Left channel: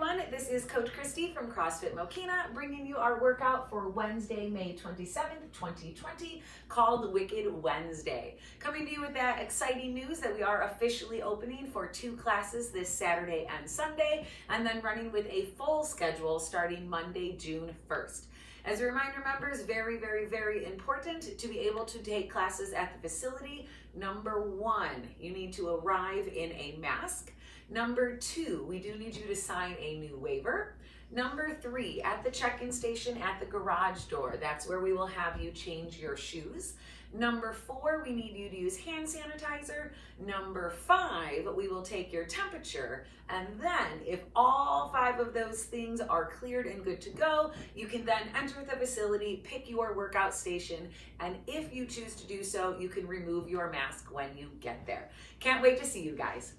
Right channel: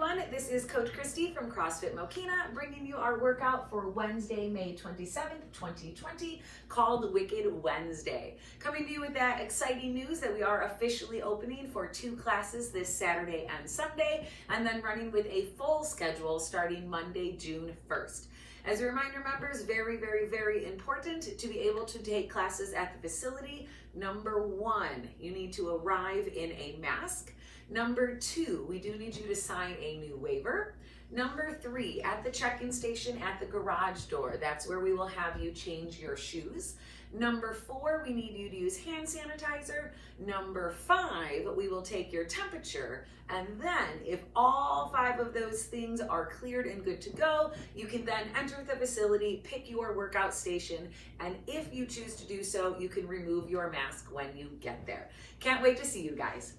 everyone, this is Coach Christy from CrossFit Mokina bringing you our workout for Wednesday, May 27th, 2020 called Wicked Wednesday. Coming to you with that exciting news that we are officially opening for 2 classes this Saturday and Sunday, and then running with a full schedule starting Monday, June 1st. As a reminder, members, very, very, very important to be able to take classes at the facility. Number 1, you need to arrive in a mask. Number 2, we do need you to sign a new waiver. Number 3, at the check-in station at the garage door, that's where we will have you change your shoes. Number 4, we need you to use hand sanitizer. Number 5, we will take your temperature. And then if all 5 of those things are cleared and good to go, you can then enter the facility, pick your workout station, and if you choose to do so, you can remove your mask when you get there. Can't wait to see you guys.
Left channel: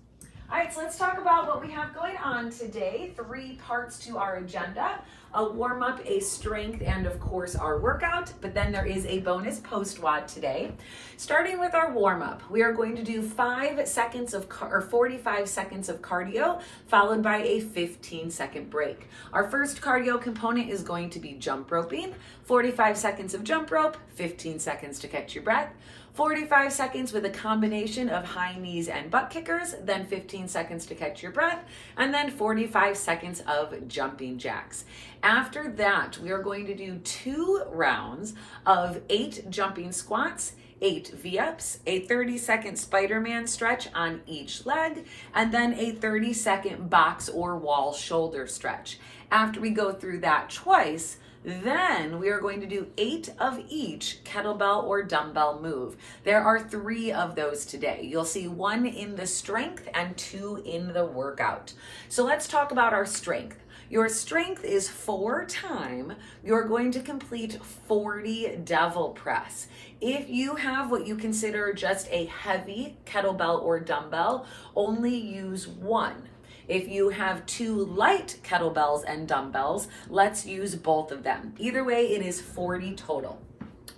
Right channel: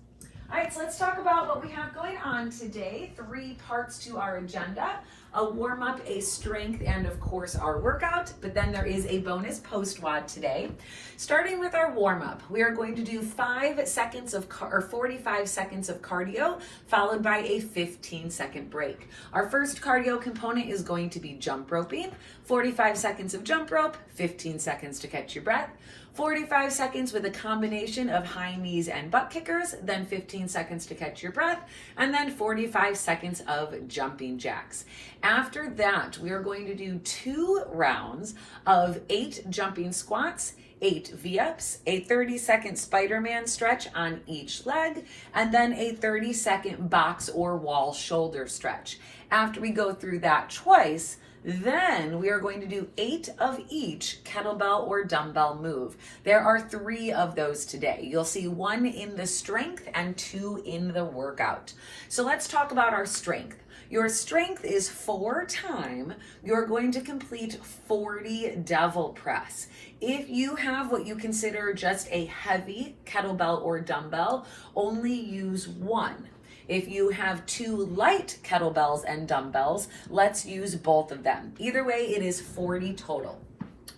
All right, so let's talk about what we have going on today. 3 parts to our agenda: a warm-up, a strength, and of course our workout, but then there is a bonus post-WOD today. Starting with our warm-up, we are going to do 45 seconds of cardio, followed by a 15-second break. Our first cardio component is going to be jump roping. 45 seconds of jump rope, 15 seconds to catch your breath. 45 seconds with a combination of high knees and butt kickers, then 15 seconds to catch your breath, and then 45 seconds of jumping jacks. After that, we are going to do 2 rounds of 8 jumping squats, 8 V-ups, a 30-second Spider-Man stretch on each leg, and then a 30-second box or wall shoulder stretch. After we go through that twice, then we are going to do 8 of each kettlebell or dumbbell move. There are 3 of those today. You'll see 1 in the strength and 2 in the workout. So let's talk about our strength. Your strength is 4 times. You're going to complete 40 devil press. If you have what you consider just a heavy kettlebell or dumbbell, only use 1. If you have 2 light kettlebells and dumbbells, let's use both of them. Either way, it is 40 total.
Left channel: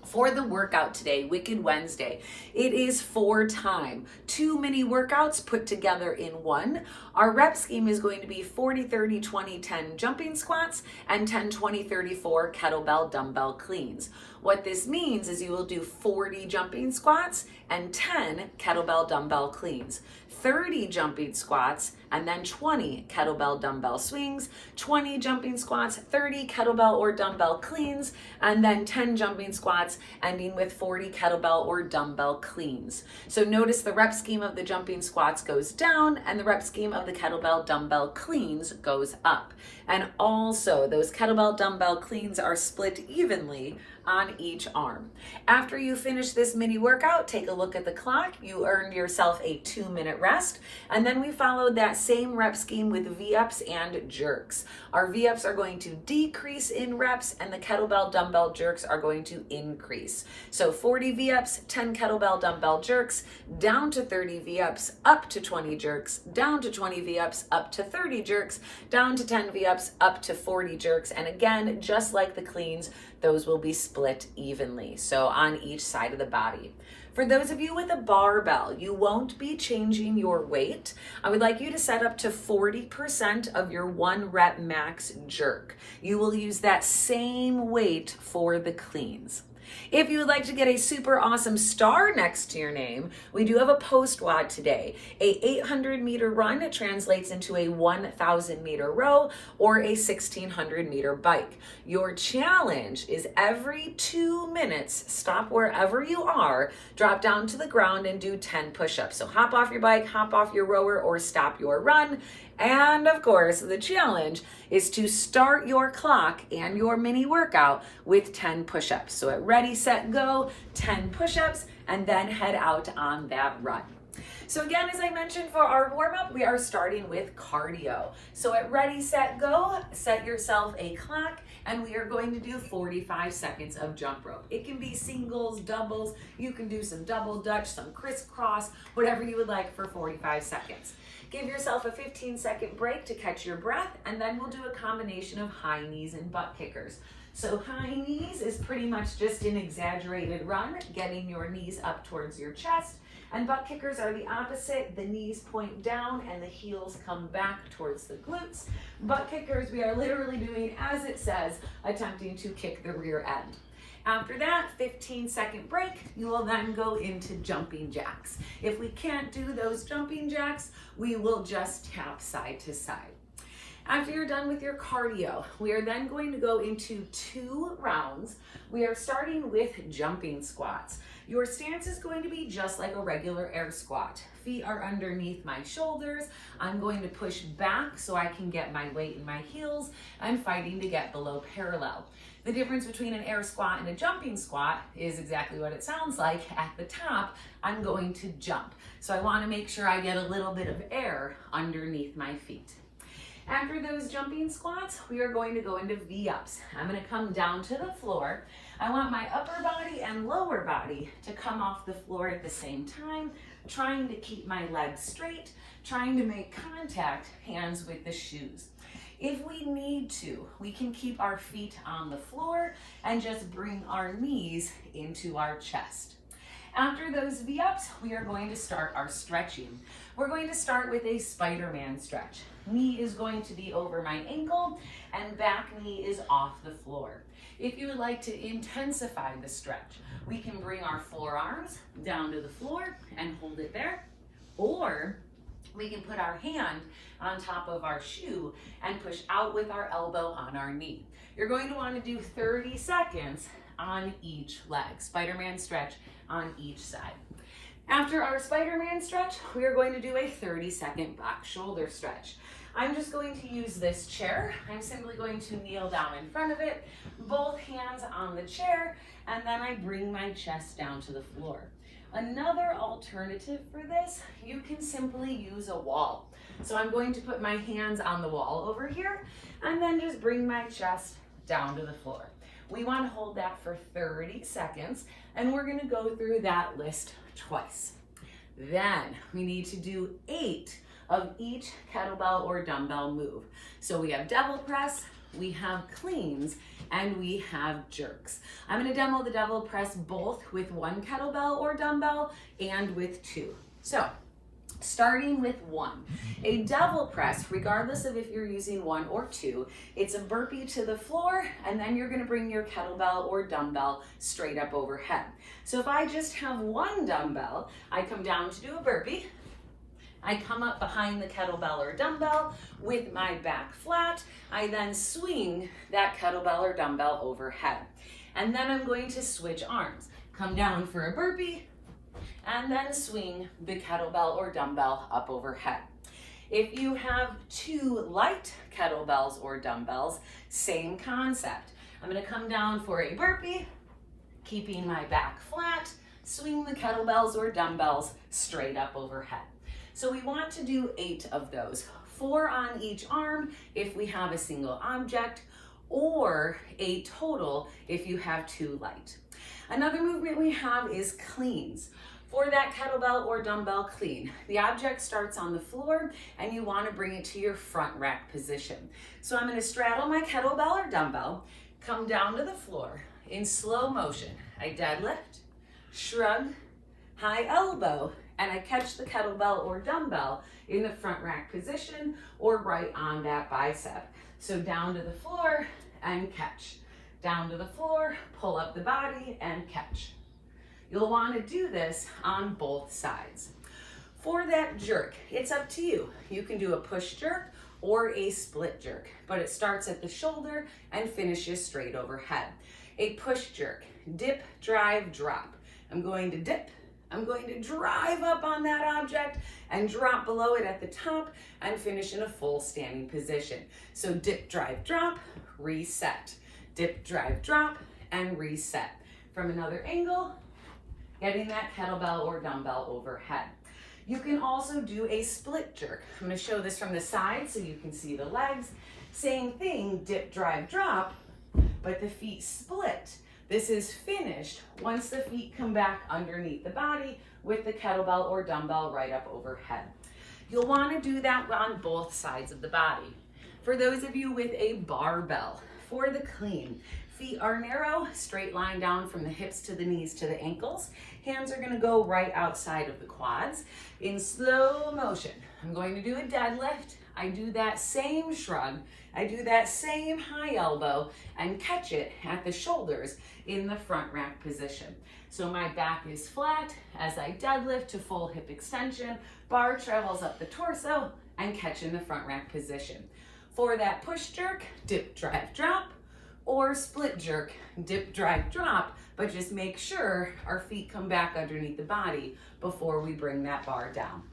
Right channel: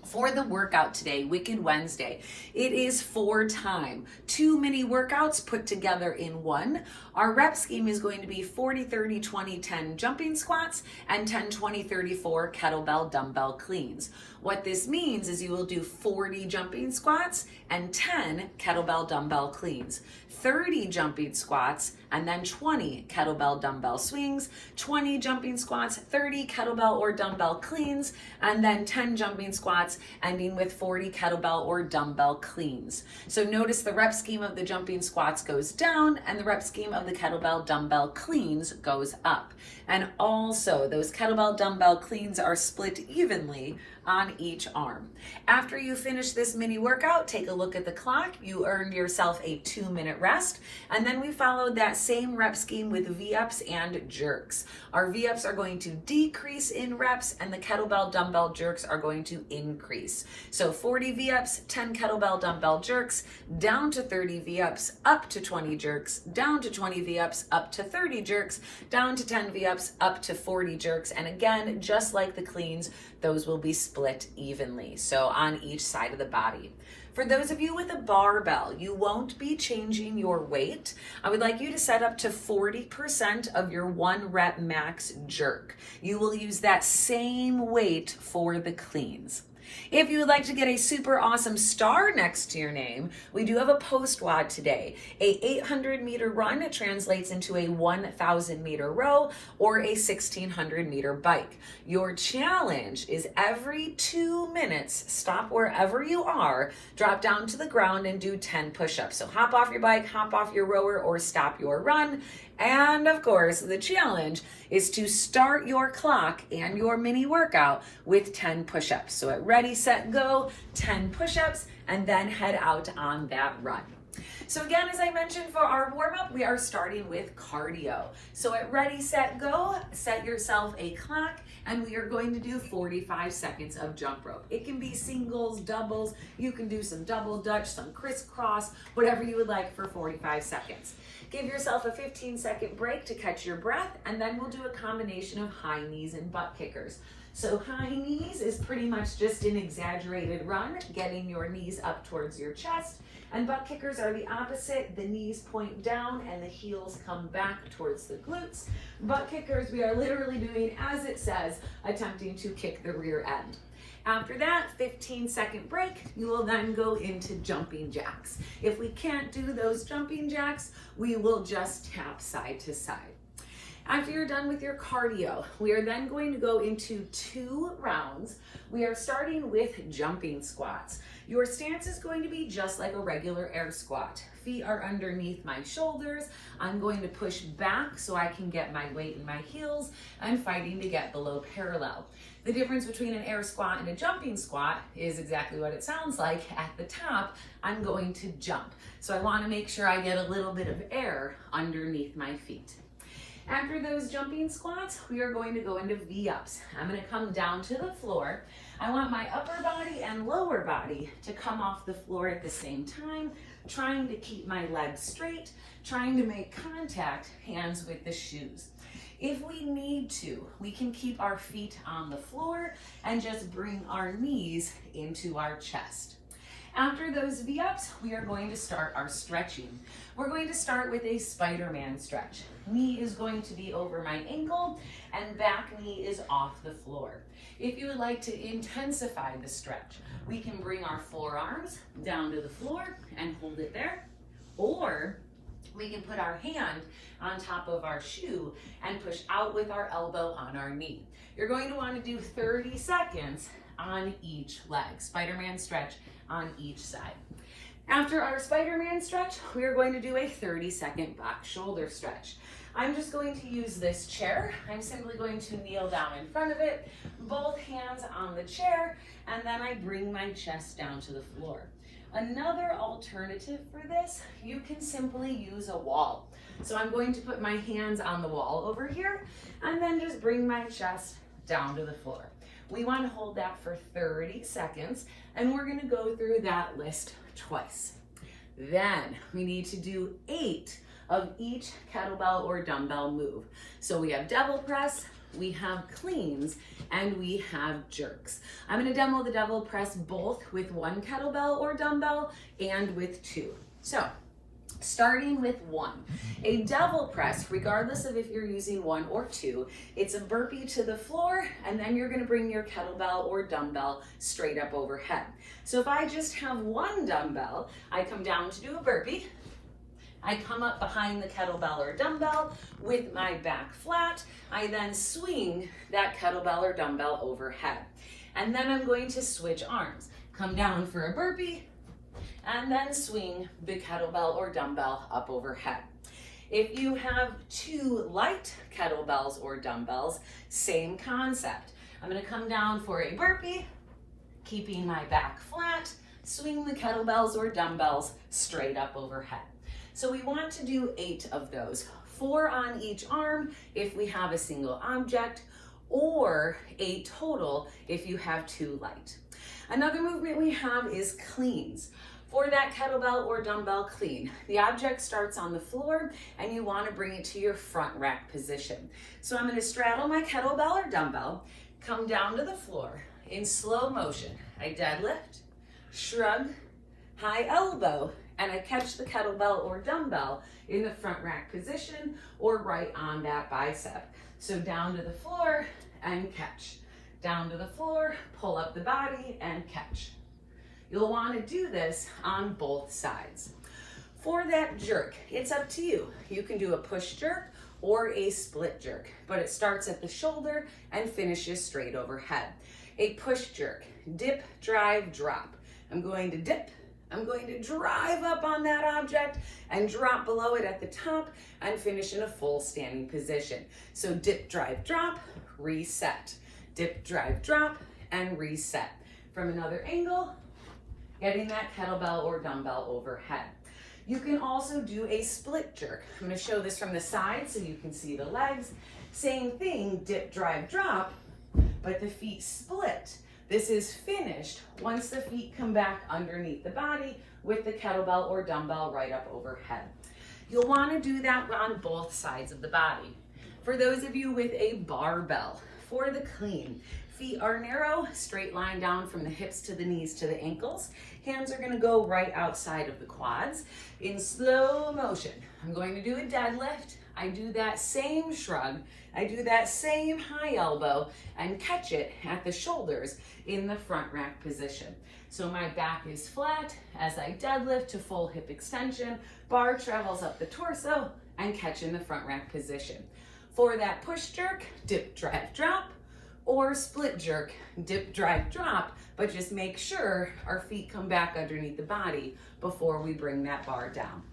For the workout today, Wicked Wednesday, it is 4 times. 2 mini workouts put together in one. Our rep scheme is going to be 40, 30, 20, 10 jumping squats and 10, 20, 34 kettlebell dumbbell cleans. What this means is you will do 40 jumping squats and 10 kettlebell dumbbell cleans. 30 jumping squats, and then 20 kettlebell dumbbell swings, 20 jumping squats, 30 kettlebell or dumbbell cleans, and then 10 jumping squats, ending with 40 kettlebell or dumbbell cleans. So notice the rep scheme of the jumping squats goes down, and the rep scheme of the kettlebell dumbbell cleans goes up. And also, those kettlebell dumbbell cleans are split evenly on each arm. After you finish this mini workout, take a look at the clock. You earned yourself a 2-minute rest, and then we followed that same rep scheme with V-ups and jerks. Our V-ups are going to decrease in reps, and the kettlebell dumbbell jerks are going to increase. So 40 V-ups, 10 kettlebell dumbbell jerks, down to 30 V-ups, up to 20 jerks, down to 20 V-ups, up to 30 jerks, down to 10 V-ups, up to 40 jerks, and again, just like the cleans, those will be split evenly, so on each side of the body. For those of you with a barbell, you won't be changing your weight. I would like you to set up to 40% of your 1 rep max jerk. You will use that same weight for the cleans. If you would like to get a super awesome star next to your name, we do have a post-WOD today. A 800-meter run translates into a 1,000-meter row or a 1,600-meter bike. Your challenge is every 2 minutes, stop wherever you are, drop down to the ground and do 10 push-ups. So hop off your bike, hop off your rower, or stop your run. And of course, the challenge is to start your clock and your mini workout with 10 push-ups. So at ready, set, go, 10 push-ups, and then head out on that run. So again, as I mentioned for our warm-up, we are starting with cardio. So at ready, set, go, set yourself a clock, and we are going to do 45 seconds of jump rope. It can be singles, doubles, you can do some double dutch, some crisscross, whatever you would like for 45 seconds. Give yourself a 15-second break to catch your breath, and then we'll do a combination of high knees and butt kickers. So high knees is pretty much just an exaggerated run, getting your knees up towards your chest, And butt kickers are the opposite. The knees point down and the heels come back towards the glutes. Butt kickers, we are literally doing as it says, attempting to kick the rear end. After that 15-second break, you will then go into jumping jacks. If we can't do those jumping jacks, we will just tap side to side. After you're done with your cardio, we are then going to go into 2 rounds. We are starting with jumping squats. Your stance is going to be just like a regular air squat. Feet are underneath my shoulders. I'm going to push back so I can get my weight in my heels. I'm fighting to get below parallel. The difference between an air squat and a jumping squat is exactly what it sounds like. At the top, I'm going to jump. So I want to make sure I get a little bit of air underneath my feet. After those jumping squats, we are going to go into V-ups. I'm going to come down to the floor. I want my upper body and lower body to come off the floor at the same time, trying to keep my legs straight, trying to make contact, hands with the shoes. If we need to, we can keep our feet on the floor and just bring our knees into our chest. After those V-ups, we are going to start our stretching. We're going to start with a Spider-Man stretch. Knee is going to be over my ankle and back knee is off the floor. If you would like to intensify the stretch, we can bring our forearms down to the floor and hold it there, or we can put our hand on top of our shoe and push out with our elbow on our knee. You're going to want to do 30 seconds on each leg. Spider-Man stretch on each side. After our Spider-Man stretch, we are going to do a 30-second back shoulder stretch. I'm just going to use this chair. I'm simply going to kneel down in front of it, both hands on the chair, and then I bring my chest down to the floor. Another alternative for this, you can simply use a wall. So I'm going to put my hands on the wall over here, and then just bring my chest down to the floor. We want to hold that for 30 seconds, and we're going to go through that list twice. Then we need to do 8 of each kettlebell or dumbbell move. So we have devil press, we have cleans, and we have jerks. I'm going to demo the devil press both with 1 kettlebell or dumbbell and with 2. So starting with 1, a devil press, regardless of if you're using 1 or 2, it's a burpee to the floor, and then you're going to bring your kettlebell or dumbbell straight up overhead. So if I just have 1 dumbbell, I come down to do a burpee. I come up behind the kettlebell or dumbbell with my back flat. I then swing that kettlebell or dumbbell overhead. And then I'm going to switch arms. Come down for a burpee, and then swing the kettlebell or dumbbell up overhead. If you have 2 light kettlebells or dumbbells, same concept. I'm going to come down for a burpee, keeping my back flat, swing the kettlebells or dumbbells straight up overhead. So we want to do 8 of those, 4 on each arm if we have a single object, or 8 total if you have 2 light. Another movement we have is cleans. For that kettlebell or dumbbell clean, the object starts on the floor and you want to bring it to your front rack position. So I'm going to straddle my kettlebell or dumbbell, come down to the floor in slow motion. I deadlift, shrug, high elbow, and I catch the kettlebell or dumbbell in the front rack position or right on that bicep. So down to the floor and catch. Down to the floor, pull up the body and catch. You'll want to do this on both sides. For that jerk, it's up to you. You can do a push jerk or a split jerk, but it starts at the shoulder and finishes straight overhead. A push jerk, dip, drive, drop. I'm going to dip, I'm going to drive up on that object and drop below it at the top and finish in a full standing position. So dip, drive, drop, reset. Dip, drive, drop, and reset. From another angle, getting that kettlebell or dumbbell overhead. You can also do a split jerk. I'm going to show this from the side so you can see the legs. Same thing, dip, drive, drop, but the feet split. This is finished once the feet come back underneath the body with the kettlebell or dumbbell right up overhead. You'll want to do that on both sides of the body. For those of you with a barbell, for the clean, feet are narrow, straight line down from the hips to the knees to the ankles. Hands are gonna go right outside of the quads. In slow motion, I'm going to do a deadlift. I do that same shrug, I do that same high elbow and catch it at the shoulders in the front rack position. So my back is flat as I deadlift to full hip extension, bar travels up the torso and catch in the front rack position. For that push jerk, dip, drive, drop, or split jerk, dip, drive, drop, but just make sure our feet come back underneath the body before we bring that bar down.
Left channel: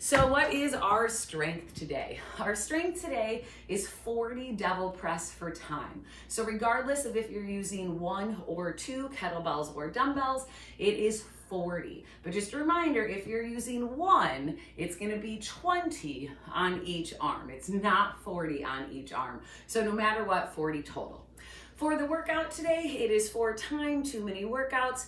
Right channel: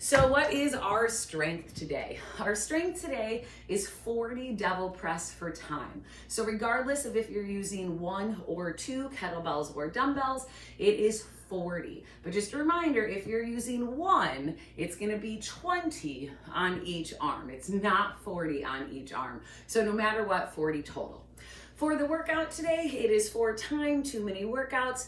So what is our strength today? Our strength today is 40 devil press for time. So regardless of if you're using 1 or 2 kettlebells or dumbbells, it is 40. But just a reminder, if you're using 1, it's gonna be 20 on each arm. It's not 40 on each arm. So no matter what, 40 total. For the workout today, it is for time, 2 mini workouts.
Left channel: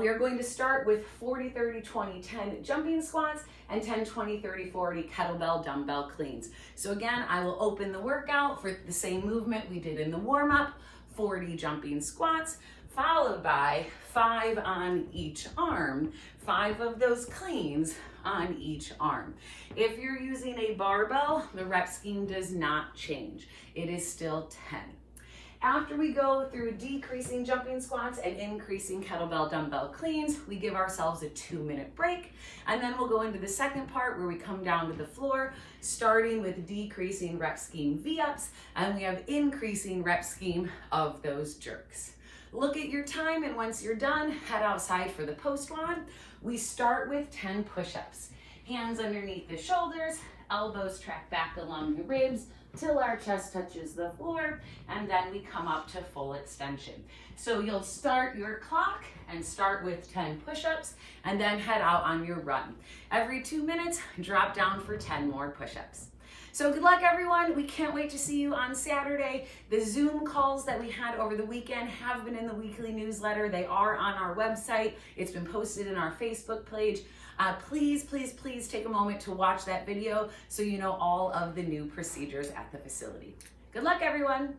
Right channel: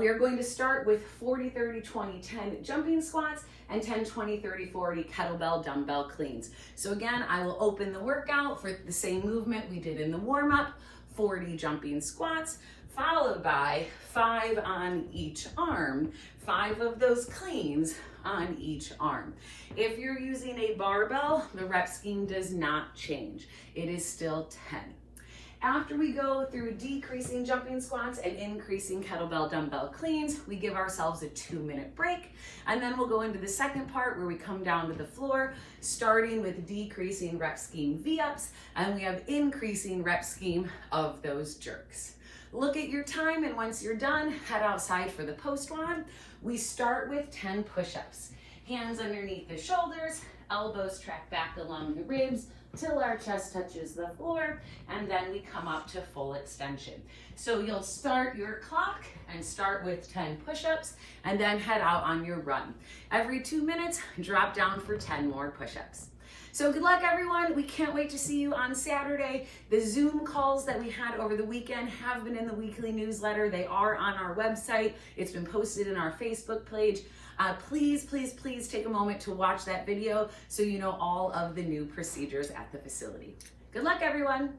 We are going to start with 40, 30, 20, 10 jumping squats and 10, 20, 30, 40 kettlebell dumbbell cleans. So again, I will open the workout for the same movement we did in the warm-up, 40 jumping squats, followed by 5 on each arm, 5 of those cleans on each arm. If you're using a barbell, the rep scheme does not change. It is still 10. After we go through decreasing jumping squats and increasing kettlebell dumbbell cleans, we give ourselves a 2-minute break, and then we'll go into the second part where we come down to the floor, starting with decreasing rep scheme V-ups, and we have increasing rep scheme of those jerks. Look at your time, and once you're done, head outside for the post one. We start with 10 push-ups. Hands underneath the shoulders, elbows track back along the ribs, till our chest touches the floor, and then we come up to full extension. So you'll start your clock and start with 10 push-ups and then head out on your run. Every 2 minutes, drop down for 10 more push-ups. So good luck, everyone. We can't wait to see you on Saturday. The Zoom calls that we had over the weekend have been in the weekly newsletter. They are on our website. It's been posted in our Facebook page. Please, please, please take a moment to watch that video so you know all of the new procedures at the facility. Good luck, everyone.